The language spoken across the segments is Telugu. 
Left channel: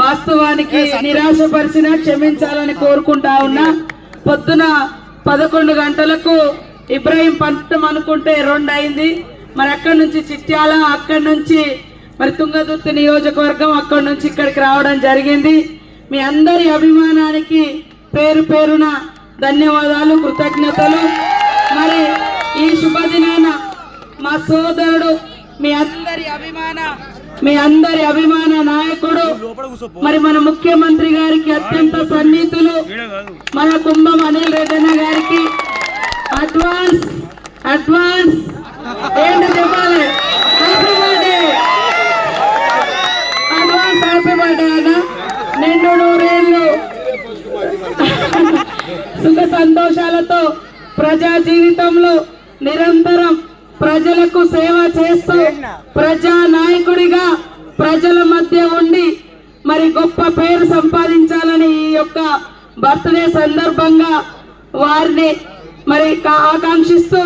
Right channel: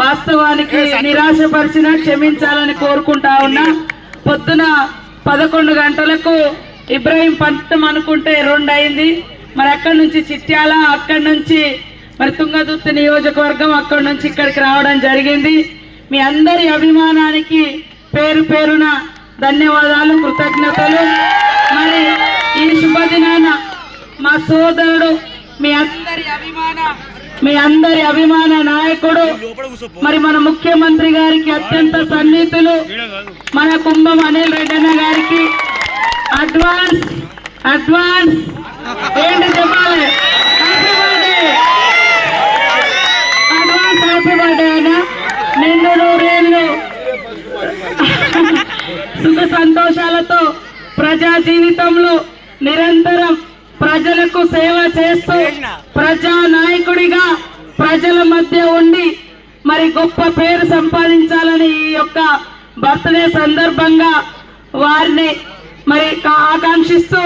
వాస్తవానికి నిరాశపరిచిన క్షమించాలని కోరుకుంటా ఉన్నా. పొద్దున 11 గంటలకు ఇబ్రాహీం పట్టణం అనుకుంటే 2 అయింది. మరి అక్కడి నుంచి చిట్యాల, అక్కడి నుంచి మరి తుంగతుర్తి నియోజకవర్గం, అక్కడి నుంచి ఇక్కడికి రావడం జరిగింది. మీ అందరి అభిమానానికి పేరు పేరున ధన్యవాదాలు, కృతజ్ఞతలు. మరి ఈ శుభదినాన మా సోదరుడు మీ అందరి అభిమాన నాయకుడు మరి మన ముఖ్యమంత్రి గారికి అత్యంత సన్నిహితులు మన కుంభం అనిల్ రెడ్డి అన్న గారికి అడ్వాన్స్ ఏంటి చెప్పాలి, హ్యాపీ బర్త్డే అన్న. నిండు నూరేళ్ళు సుఖ సంతోషాలతో ప్రజా జీవితంలో నిరంతరం ప్రజలకు సేవ చేస్తూ ప్రజా నాయకుడిగా ప్రజల మధ్య ఉండి మరి గొప్ప పేరు సంపాదించాలని ఈ యొక్క బర్త్డే సందర్భంగా వారిని మరి ఆకాంక్షిస్తూ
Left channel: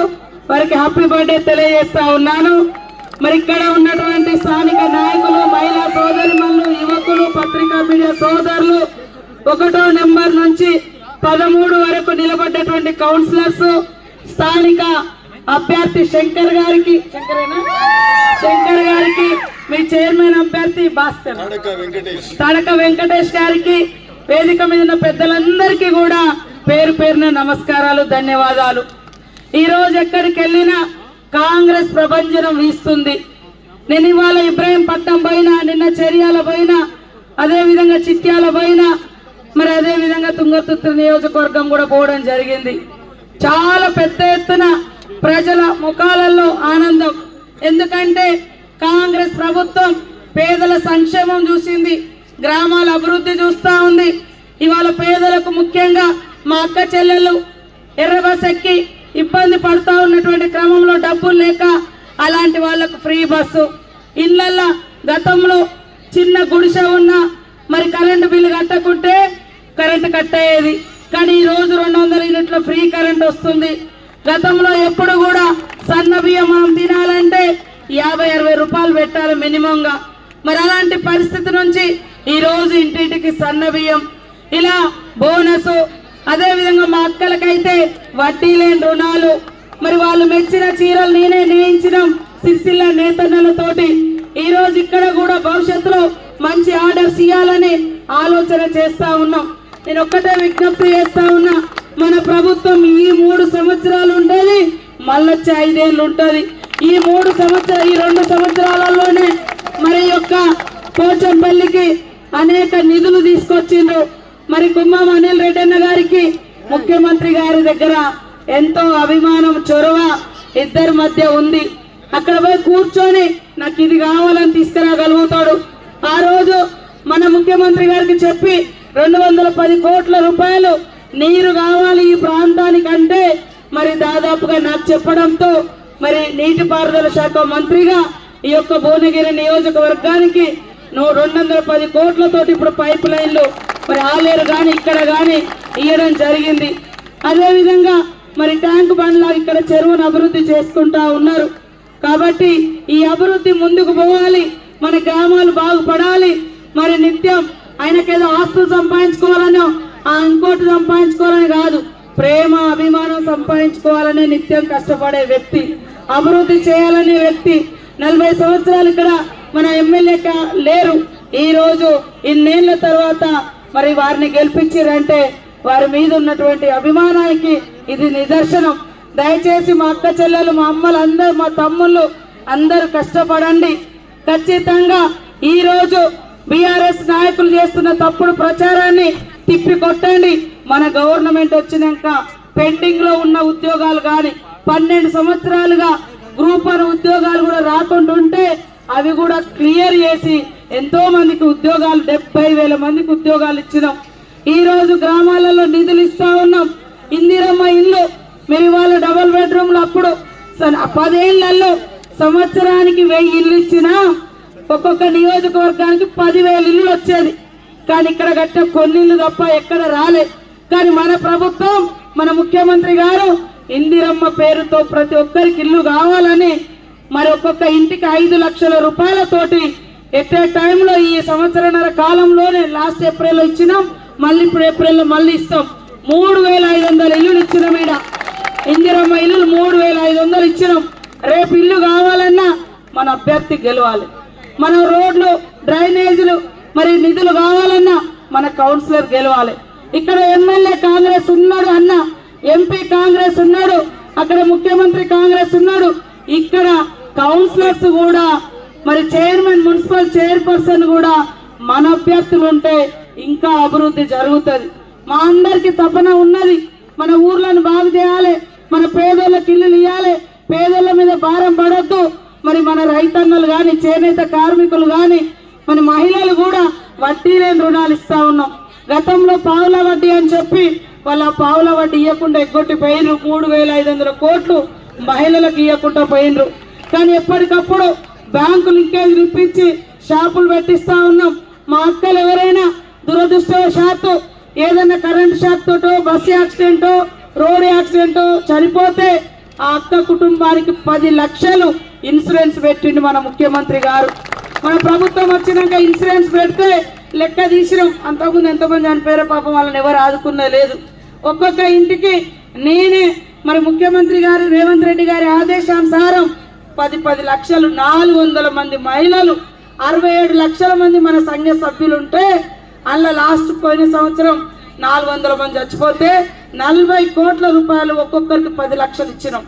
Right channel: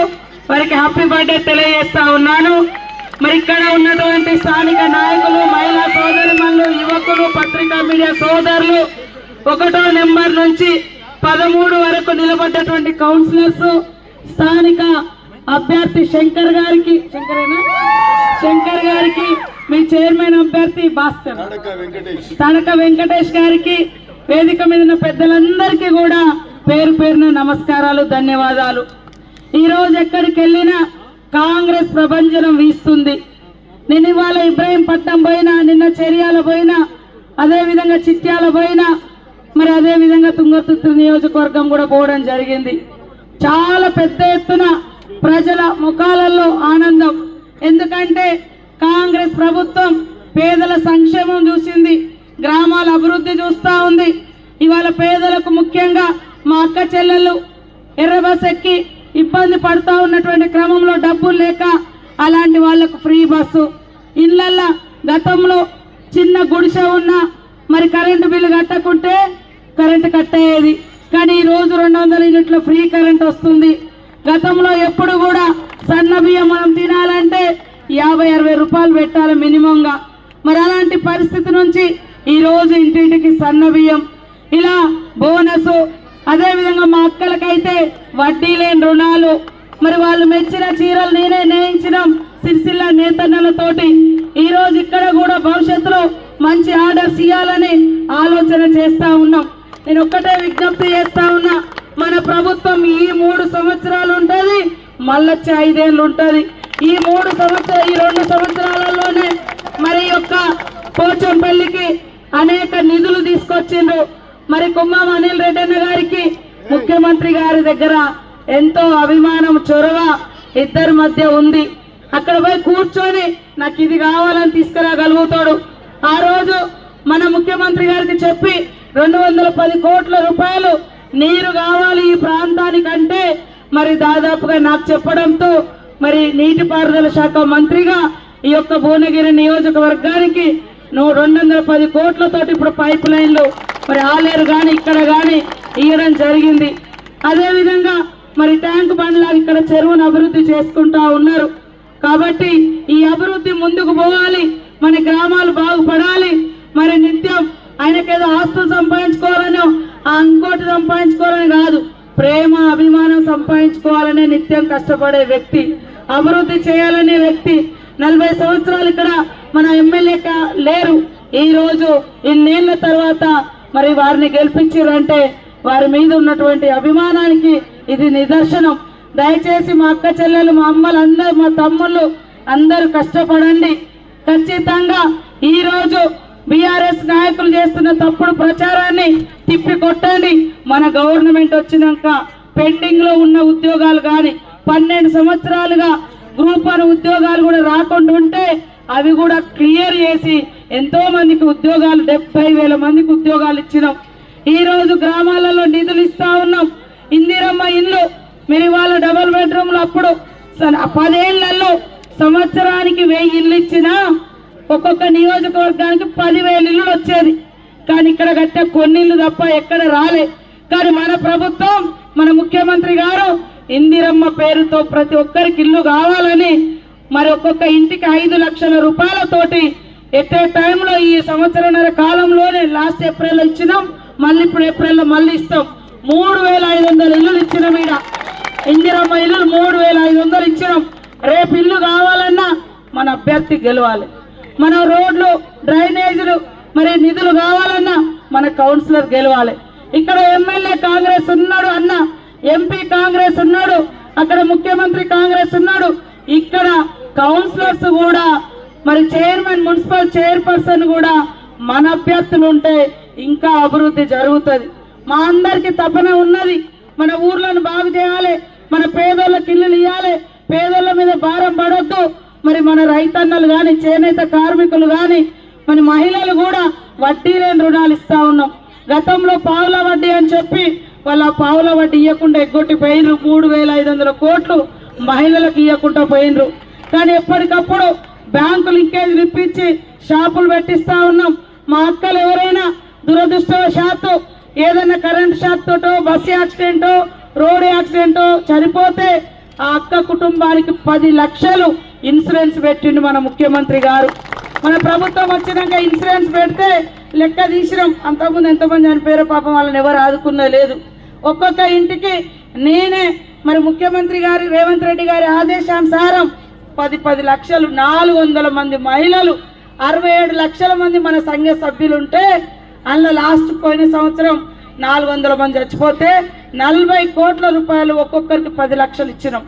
వారికి హ్యాపీ బర్త్డే తెలియజేస్తా ఉన్నాను. మరి ఇక్కడ ఉన్నటువంటి స్థానిక నాయకులు, మహిళా సోదరిమణులు, యువకులు, పత్రికా మీడియా సోదరులు, 1వ నెంబర్ నుంచి 13 వరకు నిలబడ్డటువంటి కౌన్సిలర్స్, స్థానిక అభ్యర్థి శంకర్ గారికి మీ చైర్మన్ అభ్యర్థి భాస్కర్ తడక వెంకటేష్ గారికి, వేదిక మీద ఉన్న పెద్దలందరికీ కూడా పేరు పేరున నమస్కారాలు, ధన్యవాదాలు. ఈ రోజు ఎక్కడికి వెళ్ళినా కాంగ్రెస్ ప్రభంజనం వీస్తుంది. నేను ఇవాళ ఇబ్రాహీం పట్నం పోయినా, నిన్న చర్యాల పోయినా, అదేవిధంగా చిట్యాల పోయినా, మరి అదేవిధంగా తుంగతుర్తి నియోజకవర్గం కూడా పోవడం జరిగింది. చాలా పెద్ద ఎత్తున ప్రజల ముఖాలలో ఆనందం. ఎందుకంటే కాంగ్రెస్ ప్రభుత్వం పేదల సంక్షేమం చూసింది, గ్రామాల అభివృద్ధి చూస్తూ ఉంది. ఇవాళ పేదలకు ముఖ్యంగా మా అక్క చెల్లెళ్ళు ఎర్ర బస్ ఎక్కి ఇబ్బంది పడుతూ ఉన్నటువంటి క్రమంలో డబ్బులు లేక అలాంటి వాళ్లకు ఫ్రీ బస్సు, ఇళ్ళల్లో గతంలో చిన్న గుడిసె ఉన్నా మరి కరెంటు బిల్లు కట్టకుంటే కరెంటు కట్టేది, కానీ ఈరోజు 200 యూనిట్ల ఫ్రీ కరెంట్ వస్తుంది. గతంలో ఎప్పుడు కూడా సన్న బియ్యం మనం తినాలంటే 50-60 రూపాయలు పెట్టాలి మినిమంగా. మరి అలాంటి పరిస్థితి నుంచి ఈరోజు ఇంటింటికి సన్న బియ్యం, ఇలా బోనస్, అదేవిధంగా మా అక్కలకైతే వడ్డీ లేని రుణాలు, మరి వాళ్ళు మెచ్చిన చీరలు నేనే నేయించడం సిరిసిల్ల నేతన్నలతోటి. ఈరోజు ఇక్కడ కూడా భవిష్యత్తులో మంచి ఆర్డర్స్ ఇవ్వాలని ఆలోచన చేస్తా ఉన్నాం. నేను ఒక్కటే విజ్ఞప్తి చేస్తా ఉన్నా, మన ప్రభుత్వం ఈ 3 సంవత్సరాలు ఉంటుంది, మళ్ళొచ్చే 5 ఏళ్ళు ఉంటుంది. ఈ 2 సంవత్సరాలలోనే మరి యొక్క పోచంపల్లికి అనేక నిధులు తీసుకొచ్చిండ్రు. మరి కుంభం అనిల్ రెడ్డి అన్న గారికి ముఖ్యమంత్రి గారి దగ్గర ఎంతో అభిమానం, చొరవ ఇద్దరి మధ్య ఉంది. అక్కడ పోయి కూర్చొని నాకు ఇది కావాలని తీసుకురాగలుగుతాడు. ఆ రోజు మన ముఖ్యమంత్రి గారికి చెప్పి 210 కోట్ల రూపాయలు నీరు కావాలి ఈ ప్రాంతానికంటే మరి దాదాపుగా నాకు చెప్పడంతో మరి నీటిపారుదల శాఖ మంత్రిగా ఈ యొక్క భువనగిరి నియోజకవర్గానికి 210 కోట్లతోటి ఇప్పుడు పైప్ లైన్లు మరి ఆలేరు కానీ ఇక్కడ కానీ ఇవ్వడం జరిగింది. అదేవిధంగా మరి ట్యాంకు బండ్లా ఇక్కడ చెరువును అభివృద్ధి చేసుకుంటా ఉన్నారు. కాబట్టి ఈ అభివృద్ధి ముందుకు పోవాలి, మన గ్రామాలు బాగుపడాలి. మరి నిత్యం ఆయనకేదో ఆస్తులు సంపాదించుకోవాలనో ఇంకోటి సంపాదించుకోవాలని కాదు, ప్రేమ అభిమానం సంపాదించుకోవాలనే నిత్యం కష్టపడే వ్యక్తి, అభివృద్ధి చేయాలనే వ్యక్తి. 40 సంవత్సరాలు ఇక్కడ మన ఎమ్మెల్యే లేరు. ఈ రోజు ఇన్నేళ్ల తర్వాత మరి వారిని గెలిపించారంటే వారి మీద ఉన్నటువంటి అభిమానానికి ఇది నిదర్శనం. దయచేసి మా అక్క చెల్లెలు, మా అమ్మలు అందరు, మా తమ్ముళ్ళు అందరూ కష్టపడండి. ఖచ్చితంగా ఈ రోజు బీఆర్ఎస్ నాయకులు చేస్తున్న తప్పుడు ప్రచారాన్ని తిప్పి కొట్టండి. మన గవర్నమెంట్ వచ్చినాక పెండింగ్ లో ఉన్న ఉద్యోగాలు కానీ 12 సంవత్సరాలుగా గ్రూప్ 1 ఉద్యోగాలు కూడా రాకుండా ఉంటే అవి కూడా క్లియర్ చేసి ఎంతో మందికి ఉద్యోగాలు 70,000 మందికి ఉద్యోగాలు ఇచ్చినాం. ఈ రోజు గ్రామాలలో నిధులు ఇస్తా ఉన్నాం. ఇందిరమ్మ ఇల్లు మీరు వాళ్ళ డబుల్ బెడ్రూమ్లు అప్పుడు 10 ఏళ్లలో సంవత్సరానికి 1000 ఇల్లు ఇచ్చినా ఒక్కొక్క నియోజకవర్గానికి 10,000 ఇల్లులు వచ్చేది. కానీ ఇక్కడ కట్టే కొన్ని ఇల్లు తప్ప ఎక్కడ రాలే. కానీ మన ప్రభుత్వం, మన ముఖ్యమంత్రి గారు ఇందిరమ్మ పేరుతో ప్రతి ఒక్కరికి ఇల్లు కావాలని మరి ఒక్కొక్క ఇంటికి 5 లక్షల రూపాయలతోటి ఎట్టే టైంలో ఈ సంవత్సరన్నర కాలంలోనే లాస్ట్ ఏప్రిల్లో ఇచ్చినాం, మళ్ళీ ఇప్పుడు ఏప్రిల్లో మళ్ళీ ఇస్తాం. 3500 ఇల్లులు ఇచ్చినాం. ఈడ ఇందిరమ్మ ఇల్లులు 3500 ఇచ్చినాం. రేపు ఇల్లు కావాలన్నా మన అభ్యర్థి గెలవాలి. మన రోడ్లు డ్రైనేజీలు మరి నిధులు కావాలన్నా మన కౌన్సిలర్ గెలవాలి. ఇక్కడ ఎమ్మెల్యే కాంగ్రెస్ ఉన్నాడు అన్న, ఎంపీ కాంగ్రెస్ ఉన్నాడు, అక్కడ ముఖ్యమంత్రి కాంగ్రెస్ ఉన్నాడు, ఇక్కడ కౌన్సిలర్స్ కూడా మరి చైర్మన్ మున్సిపల్ చైర్పర్సన్ కూడా మన అభ్యర్థులు ఉంటే ఇంకా అభివృద్ధి జరుగుతుంది. మా అందరికీ తపన ఉన్నది, మన ఊర్లను బాగు చేయాలి, మన పేదోళ్ళకి ఇల్లులు ఇవ్వాలి, పేదోళ్ళ మీద భారం పడొద్దు. మరి మన రైతన్నలు కానీ చేనేత కార్మికులు కానీ మన మహిళలు కూడా వడ్డీ లేని రుణాలు ఇస్తా ఉన్నాం. గతంలో పావుల వడ్డీ అని చెప్పి వాళ్ళ పావుల వడ్డీ ఇవ్వకుండా ఎగ్గొట్టి పోయినరు. 3500 కోట్లు మహిళలకు ఇవ్వకుండా పోయినరు. కానీ ఎప్పటికప్పుడు బ్యాంకు లింకేజ్ ఇప్పించి షాపులు పెట్టిస్తా ఉన్నాం. మా అక్కలు ఎవరైనా దురదృష్టవశాత్తు ఏదైనా కరెంట్ షాక్ తోటో బస్సు యాక్సిడెంటో రోడ్ యాక్సిడెంటో చనిపోతే ఆ అక్క కుటుంబానికి 10 లక్షలు ఇన్సూరెన్స్ పెట్టిండు మన ముఖ్యమంత్రి గారు. మన ప్రభుత్వం వచ్చినాక ఇన్సూరెన్స్ పెడితే లెక్క తీసినాం, అంతకుముందు ఎంతమంది చనిపోయారో పాపం వాళ్ళని ఎవరు ఆదుకున్నది లేదు. ఒక్కొక్క ఇంటికి నేనే మరి ముఖ్యమంత్రి గారు రేవంత్ రెడ్డి గారి ఆదేశానుసారం 10 లక్షలు 400 మంది మహిళలు 67 లక్షల మంది మన సంఘ సభ్యులు ఉంటే అందులో లాస్ట్ పోయిన సంవత్సరం 400 మంది చచ్చిపోతే 40 కోట్ల రూపాయలు ఒక్కొక్కరికి 10 లక్షలు ఇచ్చినాం.